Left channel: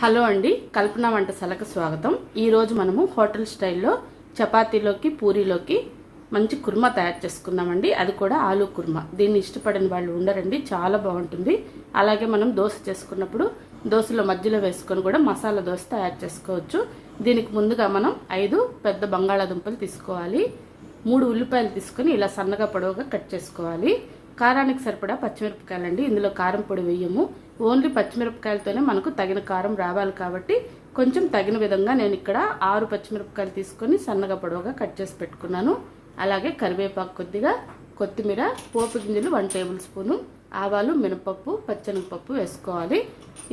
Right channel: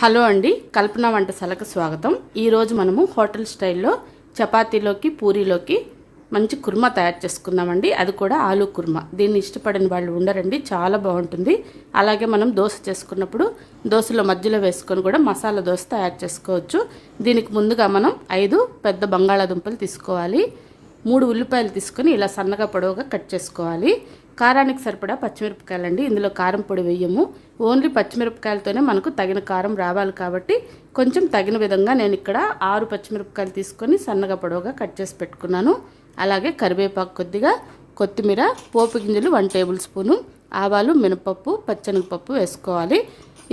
Hello అండి, కల్పన వంటశాలకు స్వాగతం. ఈరోజు మనము హోటల్ స్టైల్లో చపాతీలోకి పూరీలోకి మంచి కుర్మా తయారు చేసుకుందామండి. అది కూడా ఆలూ కుర్మా. దీన్ని ఇష్టపడని వాళ్ళు ఉండరండి, చాలా బాగుంటుంది. అలాగే మనం దోశ చేసుకున్నప్పుడు దోశలో మధ్యలో వేసుకొని కూడా మసాలా దోశ తయారు చేసుకోవచ్చు. దీనికి ముందుగా మనం 5 పెద్ద బంగాళాదుంపలు తీసుకోవాలి. 3 ఉల్లిపాయలు తీసుకొని ఇలా సన్నగా పొడవుగా కట్ చేసుకోవాలి. కారానికి సరిపడా పచ్చిమిరపకాయలండి. ఇందులో కారం పొడి వేయము. ఓన్లీ పచ్చిమిరపకాయలతోనే మనకు తగిన కారం రావాలి కాబట్టి కొంచెం తగిన విధంగా నేను ఇక్కడ 6 పచ్చిమిరపకాయలు తీసుకొని సన్నగా పొడవుగా కట్ చేసి పెట్టుకున్నాను. అలాగే కరివేపాకు కొద్దిగా, కొత్తిమీర, పోపు గింజలు 1 టేబుల్ స్పూను, ఆవాలు, మినపప్పు, పచ్చెనగపప్పు వేసుకోవాలి.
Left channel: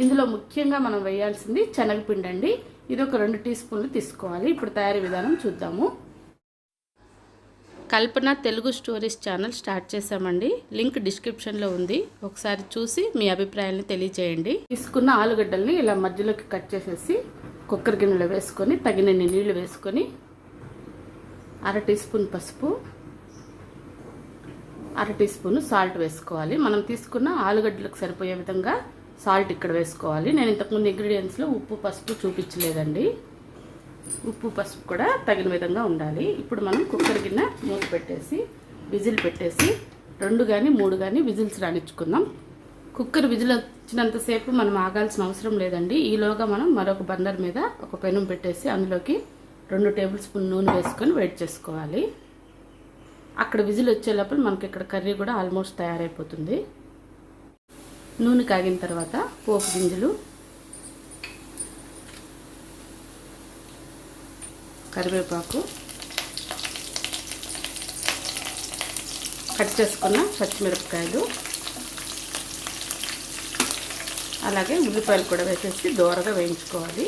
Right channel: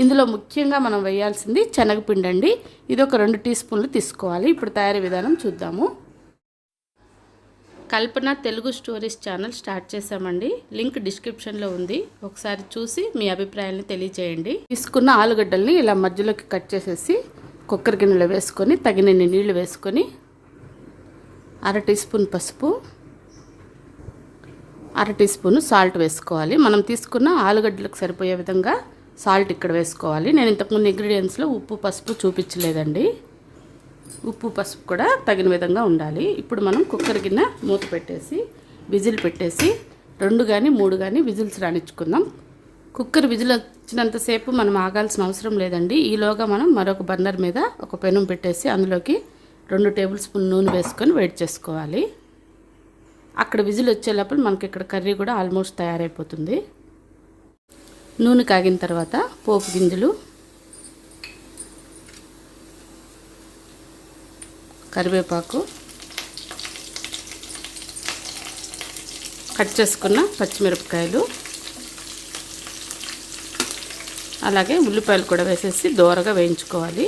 ఇందులో ముఖ్యంగా మనం వేయాల్సింది శనగపిండి అండి. ఇది ఒక 2 టీ స్పూన్లు తీసుకోవాలి. ఇప్పుడు తయారీ విధానం చూద్దాము. కల్పన తెలుగు స్టోరీస్ ఛానల్ స్టార్ట్ చేశామండి. లింక్ డిస్క్రిప్షన్లో ఉంది. ఒకసారి చూసి మీ అభిప్రాయాలను తెలియజేయండి. తీసుకున్న ఆలుగడ్డల్ని ఇలా మధ్యలోకి కట్ చేసేసి కుక్కర్ గిన్నెలో వేసుకొని తగినన్ని నీళ్లు వేసుకొని 1/2 టీ స్పూన్ పసుపు, 1/2 టీ స్పూన్ సాల్ట్ వేసుకోవాలి. మనం తీసుకున్న ఆలుగడ్డలకు సరిపోయే విధంగా సాల్ట్ ఇక్కడ వేసుకోవాలి. నేను ఇంతకుముందు ఇంగ్రీడియంట్స్లో ఉప్పు, పసుపు చూపించలేదండి. ఉప్పు, పసుపు కూడా తగిన విధంగా ఉండాలి. ఇప్పుడు మనం కుక్కర్ గిన్నె మూత పెట్టేసి విజిల్ పెట్టేసి 2 కానీ 3 కానీ విజిల్స్ రానిచ్చుకుందాం. కుక్కర్ విజిల్ వచ్చినంతసేపు మనం ఆగాల్సిన అవసరం లేదండి. ఈలోగా మనం మరొక బర్నర్ మీద ఒక పెనం పెట్టేసి అందులోకి 2 టేబుల్ స్పూన్ నూనె వేసుకొని వేడి చేసుకోవాలి. అక్కడ విజిల్ వచ్చేలోపల మనకి ఇక్కడ కర్రీ కూడా ఆల్మోస్ట్ తయారైపోతుంది. నూనె కాగిన తర్వాత పోపు గింజలు, కరివేపాకు, కట్ చేసుకున్న పచ్చిమిరపకాయలు, అలాగే ఉల్లిపాయలు కూడా వేసేసి దోరగా వేయించుకోవాలి.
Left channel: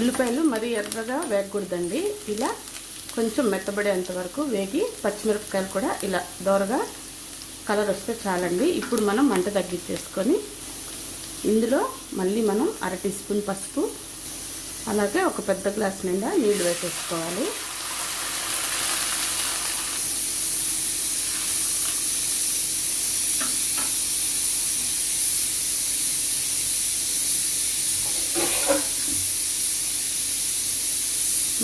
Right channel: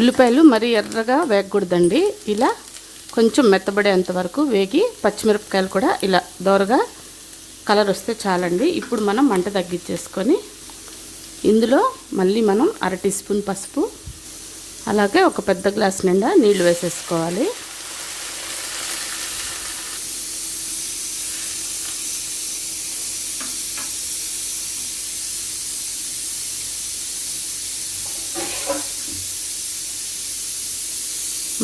ఉల్లిపాయలు మరీ ఎర్రగా వేగకూడదండి. ఇలా కొంచెం మెత్తబడేంత వరకు వేగి పచ్చిమిరపకాయలు కూడా ఇలా దోరగా కలర్ వస్తే చాలండి. ఇప్పుడు మనం మంట తగ్గించేసుకొని ఇందులో మళ్ళీ మనం 1/2 టీ స్పూన్ పసుపు, అలాగే ఒక పెద్ద గ్లాస్ నిండా నీళ్లు వేసేసుకోవాలి.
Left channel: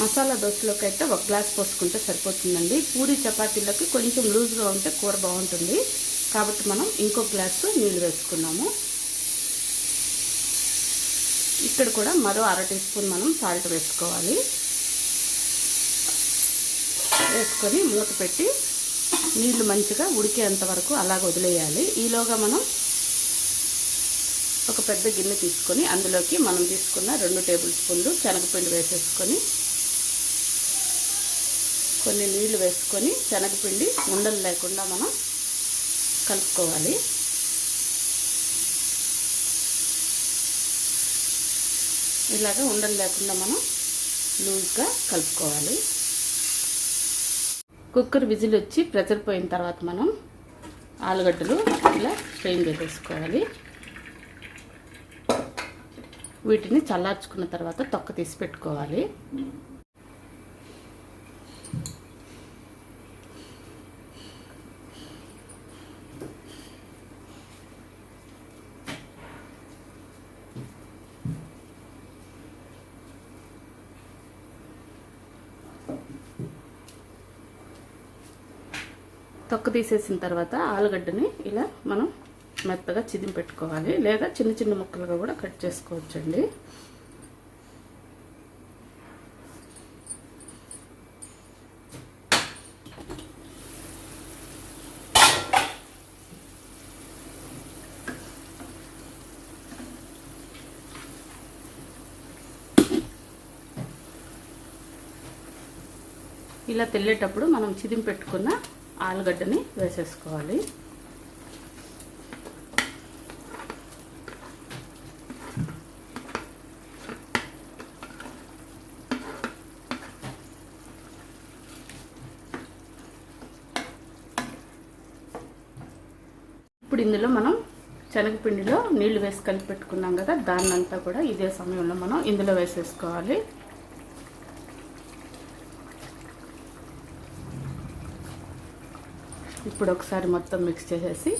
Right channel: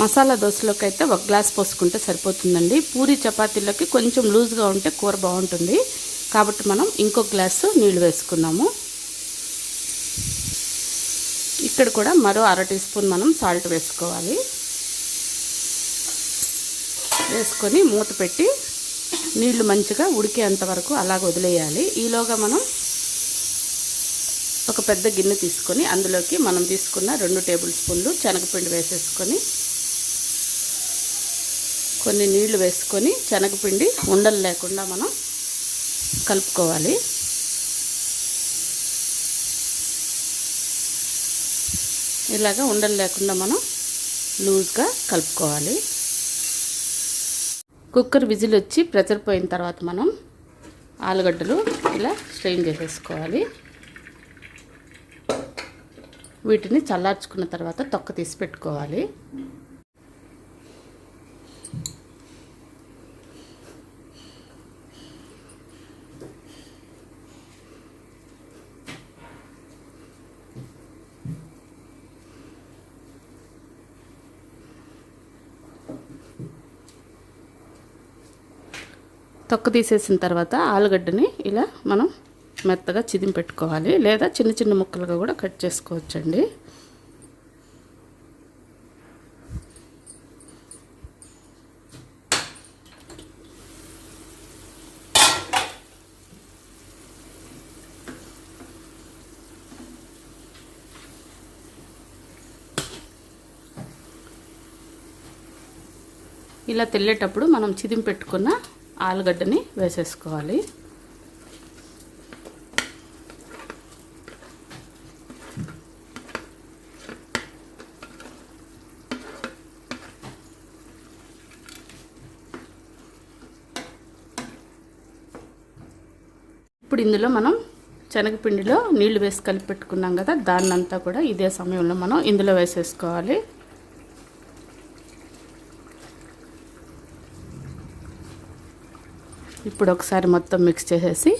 మసాలా దోశలోకి అయితే 1 గ్లాస్ పోసుకుంటే సరిపోతుందండి. పూరి చపాతీలోకి కొంచెం లూజ్గా ఉంటే కూర బాగుంటుంది కాబట్టి మనం ఇంకో గ్లాసు నీళ్లు వేసుకున్నాము. ఇక్కడ కూడా మరో 1/2 టీ స్పూన్ మనం సాల్ట్ వేసుకోవాలి. వేసుకొని మూత పెట్టి నీళ్లు మంచిగా ఉడికేంత వరకు అలాగ వదిలేయాలి. ఈలోగా మనం ఒక పెద్ద గిన్నె తీసుకొని అందులోకి మనం తీసుకున్న 2 టేబుల్ స్పూన్లు శనగపిండి వేసేసుకొని కొన్ని నీళ్లు వేసుకొని శనగపిండి ఉండలు లేకుండా మనం కలుపుకోవాలి. ఇలాగ ఉండలు లేకుండా మనం లూజ్గా కలుపుకోవాలి. కుక్కర్ విజిల్ వచ్చి ప్రెషర్ పోయిన తర్వాత మనం ఆలుగడ్డలు ఇలా స్ట్రెయిన్ చేసేసుకోవాలి. వీటిని చల్లార్చుకున్న తర్వాత తొక్క తీసి పెట్టుకోవాలి. తొక్క తీసేసిన తర్వాత ఆలుగడ్డని ఇలా మనం మెత్తగా చిదిమి పెట్టుకోవాలి, లేదా చిన్న చిన్న ముక్కలుగా కూడా కట్ చేసుకోవచ్చండి. ఇలా తెల్లేటప్పుడు మనం చిదిమి పెట్టుకున్న ఆలుగడ్డని వేసేసుకోవాలి. ఇప్పుడు ఇందులో మనం శనగపిండిలో నీళ్లు వేసి కలిపి పెట్టుకున్నాం కదా, దాన్నంతా కూడా ఇదే సమయంలో మనం ఇందులో వేసేసుకోవాలి. ఇప్పుడు ఒకసారి మొత్తం మిక్స్ చేసేసి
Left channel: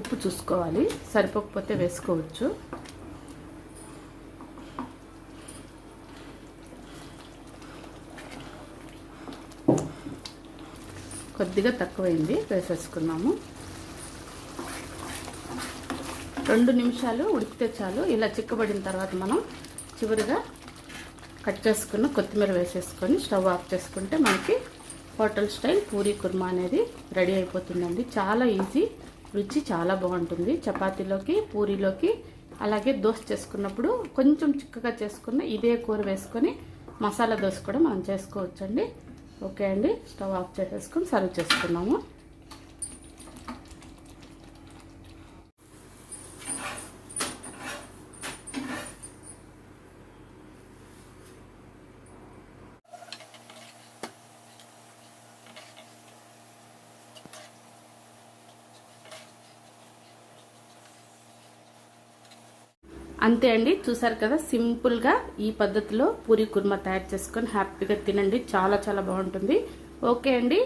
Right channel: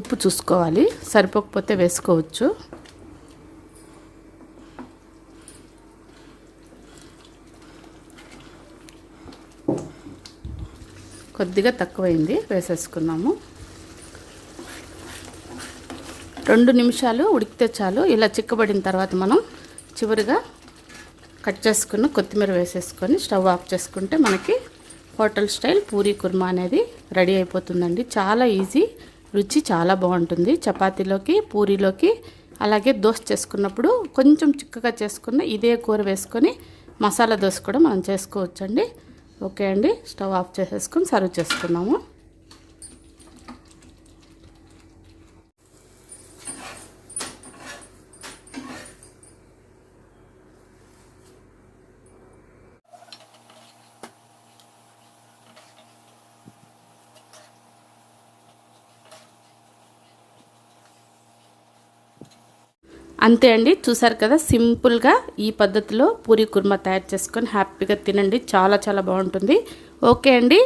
ఉప్పు చూసుకోవాలి, సరిపోకపోతే వేసుకోవచ్చు. కొద్దిగా తక్కువైంది, వేసేసుకున్నాము. 2 నిమిషాలు ఉడికితే చాలు. ఇలా చిక్కబడిన తర్వాత మనం చివరిగా కట్ చేసుకుని కొత్తిమీర వేసేసుకొని స్టవ్ ఆఫ్ చేసుకుంటే మనకి హోటల్ స్టైల్ పూరీ కుర్మా అనేది రెడీ అయిపోతుందండి. చాలా ఈజీ, రుచి చాలా బాగుంటుంది. చపాతీలోకి, పూరీలోకి, అలాగే దోశ చేసుకున్నప్పుడు కొంచెం చిక్కగా చేసుకున్న ఇదే కూర వేసుకొని మసాలా దోశ కూడా మనం చేసుకోవచ్చండి. ఓకే అండి, స్టవ్ ఆఫ్ చేసేసుకొని సర్వ్ చేసుకున్నాము. అంతే అండి, చూసారు కదా, సింపుల్గా ఈ పద్ధతిలో పూరీ కుర్మా తయారు చేసుకొని హ్యాపీగా తినండి. చాలా చాలా బాగుంటుంది. ఓకే అండి,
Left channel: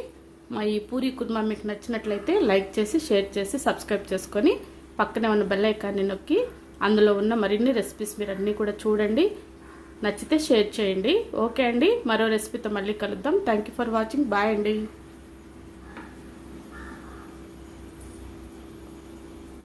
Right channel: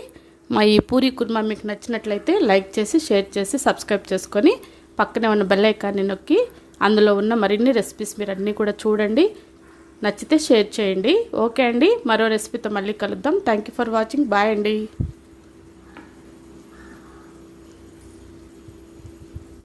మా ఈ పూరీ కుర్మా మీకు నచ్చినట్లయితే లైక్ చేసి, షేర్ చేసి, సబ్స్క్రైబ్ చేసుకొని పక్కనే ఉన్న బెల్ ఐకాన్ని నొక్కి అందులో ఉన్న మరిన్ని రెసిపీస్ మీరు అన్నీ కూడా చూడండి. నచ్చితే షేర్ చేయండి. ఓకే అండి, మరో రెసిపీతో మళ్ళీ కలుద్దాం. Thank you for watching. Bye అండి.